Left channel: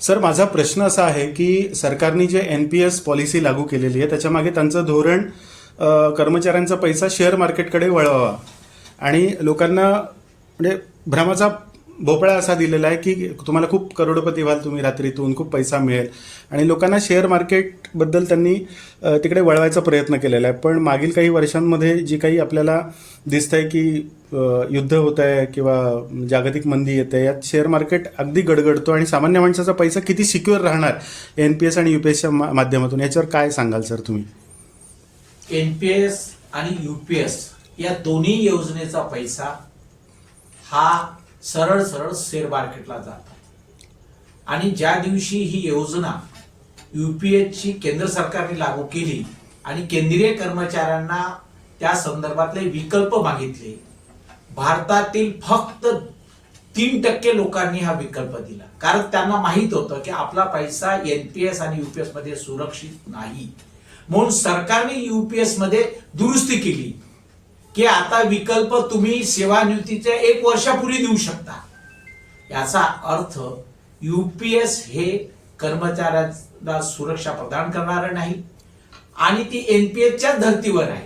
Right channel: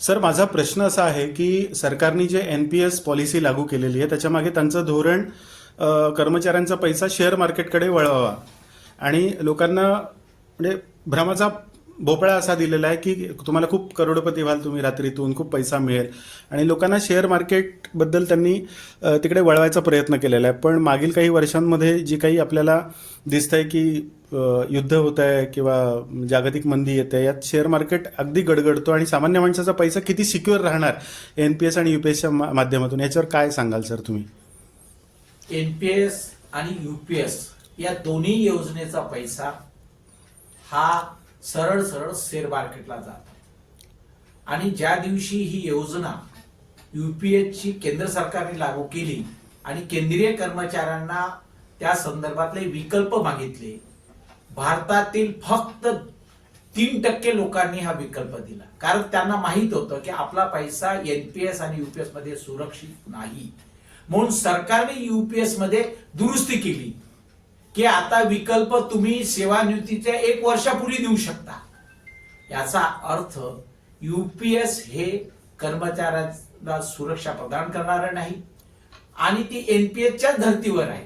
Sir, माझा प्रश्न असा आहे की सरकारने जे NPS पॉलिसी लागू केलेली आहे त्याच्यामागे त्यांचं धोरण कर्मचाऱ्यांचा पैसा शेअर मार्केटकडे वळवावा आणि लोकांना म्हणजे भ्रमाचा भोपळा असा दिलेला आहे की तुम्हाला खूप करोडपती व्हाल तुम्ही रात्रीतून, खूप पैसा मिळेल आणि लोकांना शेअर मार्केटबद्दल त्यांनी तिकडे वळवायचा प्रयत्न केलेला आहे. पण मागील काही वर्षांमध्ये जे काही आपल्याला दिसतंय की युद्ध होत आहे किंवा जागतिक मंदी येते, यात शेअर मार्केट अगदी गडगडतो आणि सामान्य माणसाचा पैसा किती सिक्युअर राहणार NPS आणि UPSच्या माध्यमातून, याच्यावर काय सांगाल सर तुम्ही? NPS आणि UPS या दोन्ही योजनेचा पैसा हा सरळ सरळ शेअर मार्केटला जातो आणि ज्या दिवशी ही योजना UPSची केंद्र सरकारने लागू केली आणि केंद्रीय कर्मचाऱ्यांना त्या संदर्भातले विकल्प मागितले, भारतातील फक्त 3% लोकांनी हा विकल्प दिला. कारण त्यांना माहित होतं की आपला पैसा NPS आणि UPS मध्ये सुरक्षित नाही. म्हणून सरकारने UPS मध्ये दुरुस्ती केली की आता विकल्प तुम्ही सेवानिवृत्तीच्या 1 वर्षापूर्वी देऊ शकता. याचा अर्थ UPS हे कर्मचाऱ्यांना सुरक्षा प्रदान करणारं नाही आणि ती NPSच्या धर्तीवर आहे.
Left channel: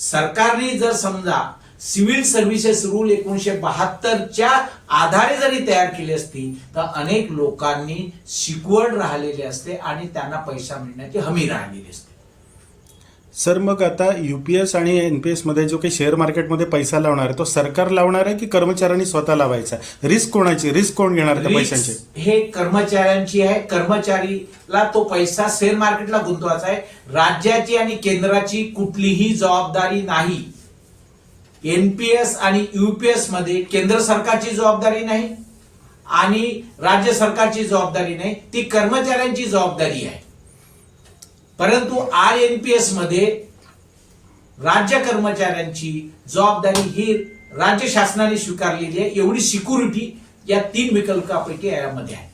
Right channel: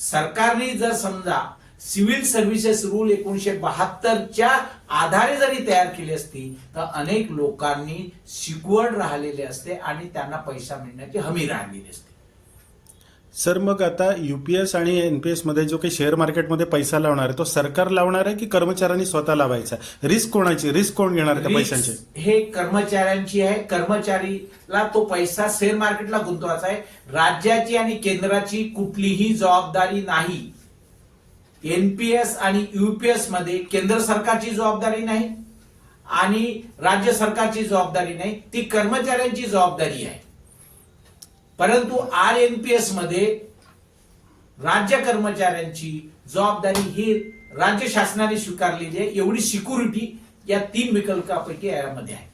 सरकारने जर समजा सिव्हिल सर्व्हिसेस रूल 1972च्या आधारे जरी तयार केली असती तर अनेक लोकांनी सिक्युअर्ड राहिलेले असते आणि त्यांना पैसा मिळण्याची हमी राहिलेली असते. सर, मग आता UPS आणि NPS मध्ये जो काही शेअर मार्केटमध्ये पैसा लावणार आहे तो सरकार लावणार आहे की कर्मचाऱ्यांनी स्वतः लावायचा? रिस्क कोणाची? रिस्क कोण घेणार त्या पैशाची? हे कर्मचाऱ्यांची आहे. कर्मचारीला तो पैसा शेअर मार्केटला गुंतवायचा आहे. राज्याची आणि केंद्राची कुठलीही जबाबदारी नाही. NPS आणि UPS मध्ये केंद्र सरकारची जबाबदारी नाही आणि राज्य सरकारची जबाबदारी नाही, ती कर्मचाऱ्यांची जबाबदारी आहे. परंतु RNPS मध्ये राज्य कर्मचाऱ्यांची जबाबदारी ही राज्य शासनाने स्वीकारलेली आहे. एवढी सिक्युरिटी या 3 विकल्पापैकी यामध्ये आहे.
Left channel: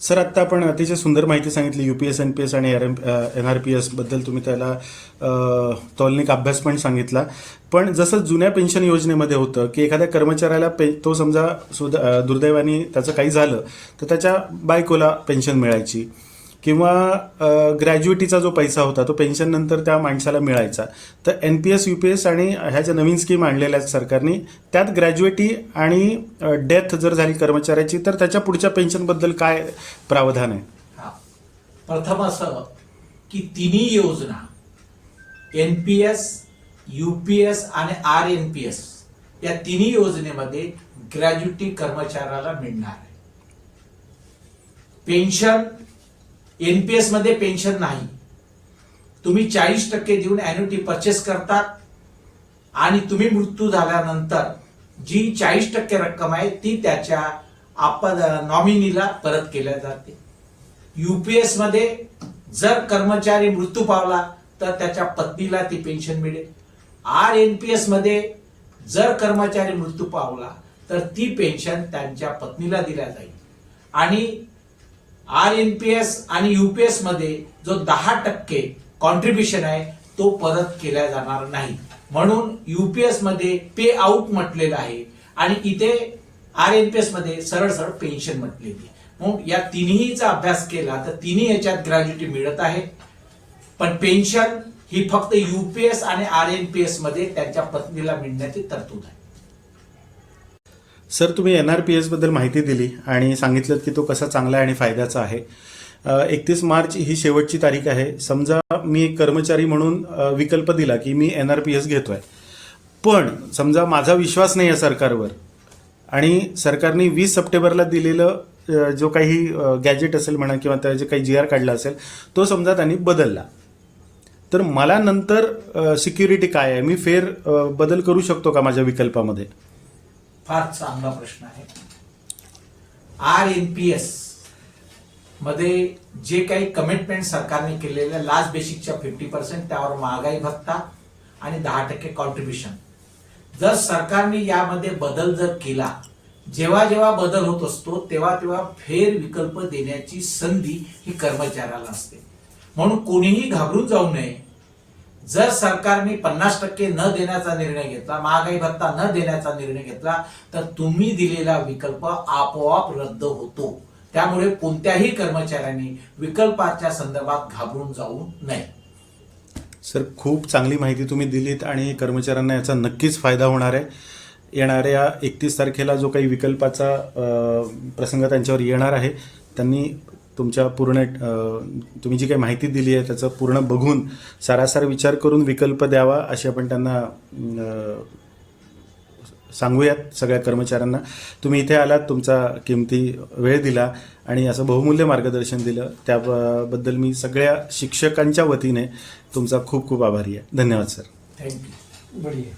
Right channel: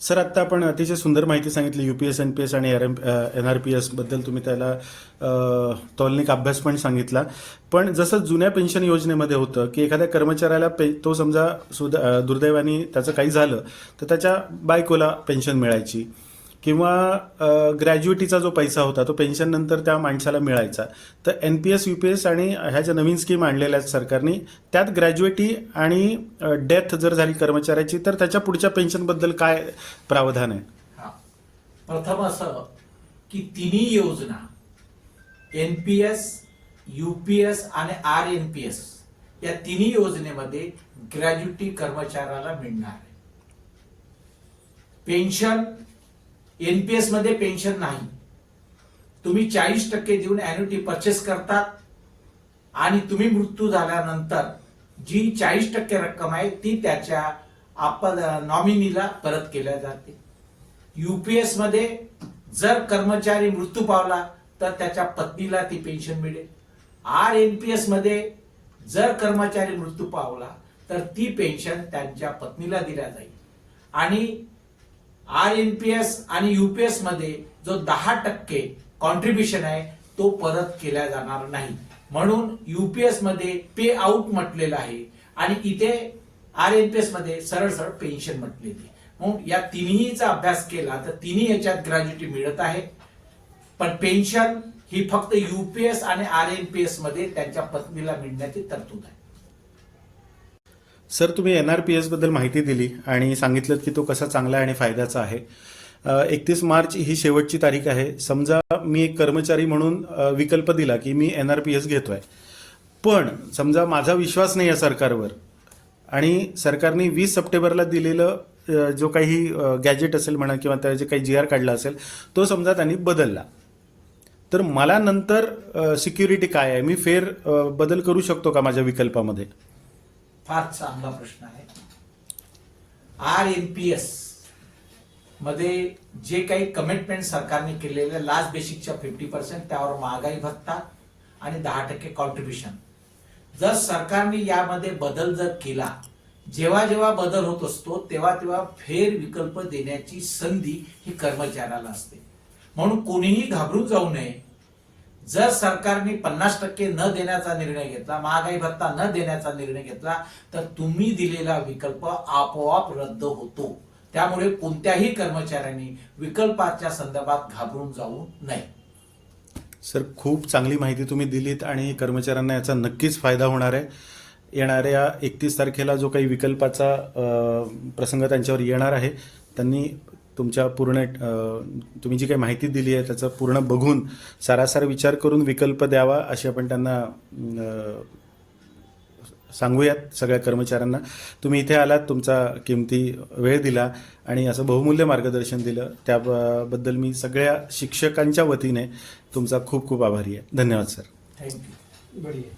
सर, आता आपण अतिशय सुंदर माहिती सांगितली UPS, NPS आणि NRPS बद्दल. तुम्ही त्याला तौलनिक अभ्यास पण सांगितला. पण जसं जुन्या पेन्शन योजनेमध्ये होतं की एखाद्या कर्मचाऱ्याला तो समजा दुर्दैवाने त्याचं काही झालं तर त्याच्या बायकोला पेन्शन मिळायची किंवा ग्रॅज्युएटीचा जो पैसा होता तो पेन्शन नंतर त्या माणसाला मिळायचा. तर NPS, UPS आणि ह्या ज्या नवीन स्कीम आणलेल्या आहेत सरकारने, त्यात ग्रॅज्युएटी आणि डेथ जर झाली कर्मचाऱ्याची तर त्याच्या पुढच्या पेन्शनबद्दल काय प्रावधान आहे? प्रथम असं की तिन्ही योजना NPS, UPS आणि RNPS या तिन्ही योजनेमध्ये ग्रॅज्युएटी कर्मचाऱ्याला मिळणार आहे. पेन्शन NPS मध्ये पेन्शन नाही. तुम्ही 40% देऊन अॅन्युटी परचेस करतात आणि तुम्ही मृत्यू झाल्यानंतर जी 40% रक्कम आहे ती त्याच्या नॉमिनीला परत केल्या जाते. UPS मध्ये जर कर्मचारी मृत्यू पावला तर त्याच्या पत्नीला ती पेन्शन मिळेल. RNPS मध्ये जर कर्मचारी मृत्यू पावला तर ती पेन्शन त्यांच्या पत्नीला दिल्या जाईल आणि RNPS आणि UPS मध्ये जो 10% कॉन्ट्रीब्युशन आहे तो परत केला जाणार नाही. म्हणून UPS मध्ये पे आउट म्हटलेलं आहे आणि इथे RNPS मध्ये सरळ सरळ पेन्शन म्हटलेली आहे. म्हणून या तिन्हीचा अभ्यास केला तर तिन्ही याच्यात ग्रॅज्युएटी मिळत आहे. पण पेन्शन ही फक्त UPS आणि RNPS मध्ये त्यांच्या पत्नीला मिळण्याची तरतूद आहे. सर, तुम्ही NRPS बद्दल माहिती दिली आणि सांगितलं की तो कसा चांगला आहे आणि फायद्याचा आहे. 31 मार्च ही शेवटची तारीख आहे. समजा मी एक कर्मचारी म्हणून विकल्प दिला की मी NRPS घेतोय, पण समजा माझा विश्वास नाही आहे सरकारवर आणि सरकारने 20 सप्टेंबरला दिलेलं जो काही गॅजेट असेल म्हणा किंवा त्याचे काही GR काढला असेल तो समजा त्यांनी बदलला, तर मला नंतर सिक्युरिटी काय आहे? मी फेर बदल करू शकतो का माझ्या विकल्पामध्ये? फार चांगला प्रश्न आहे. RNPS मध्ये जे काही कमिटमेंट सरकारने केलेले लास्ट बेसिकच्या 50% त्यावर महागाई भत्ता आणि 10% कॉन्ट्रीब्युशन, जर सरकारने यामध्ये बदल जर केला, जेव्हा जेव्हा बदल होत असतो तेव्हा तेव्हा फेर विकल्प देण्याची संधी ही कर्मचाऱ्याला असते. म्हणून कोणीही घाबरून जाऊ नये. जर सरकारने 50% न देण्याचा निर्णय घेतला, महागाई भत्ता न देण्याचा निर्णय घेतला तर तुम्ही दिलेला विकल्प आपोआप रद्द होतो. त्यामुळे कोणत्याही कर्मचाऱ्यांनी विकल्पाच्या संदर्भात घाबरून जाऊ नये. सर, खूप चांगली माहिती तुम्ही दिलीत आणि कर्मचाऱ्यांना याचा नक्कीच फायदा होणार आहे. येणाऱ्या 31 तारखेला जो काही विकल्पाचा प्रसंग त्यांच्यावर येणार आहे, त्यांनी तुमच्या पूर्ण तुम्ही जी काही माहिती दिली आहे त्याचं पूर्ण बघून सारासार विचार करून विकल्प द्यावा अशी आपण त्यांना सांगूयात सगळ्या कर्मचाऱ्यांना. तुम्ही इथे आलात, तुमचा किमती वेळ दिला आणि असं बहुमूल्य मार्गदर्शन दिलं, त्याबद्दल मी सगळ्या शिक्षकांच्या वतीने तुमचा खूप खूप आभारी आहे. धन्यवाद सर. थँक्यू. बढ़िया.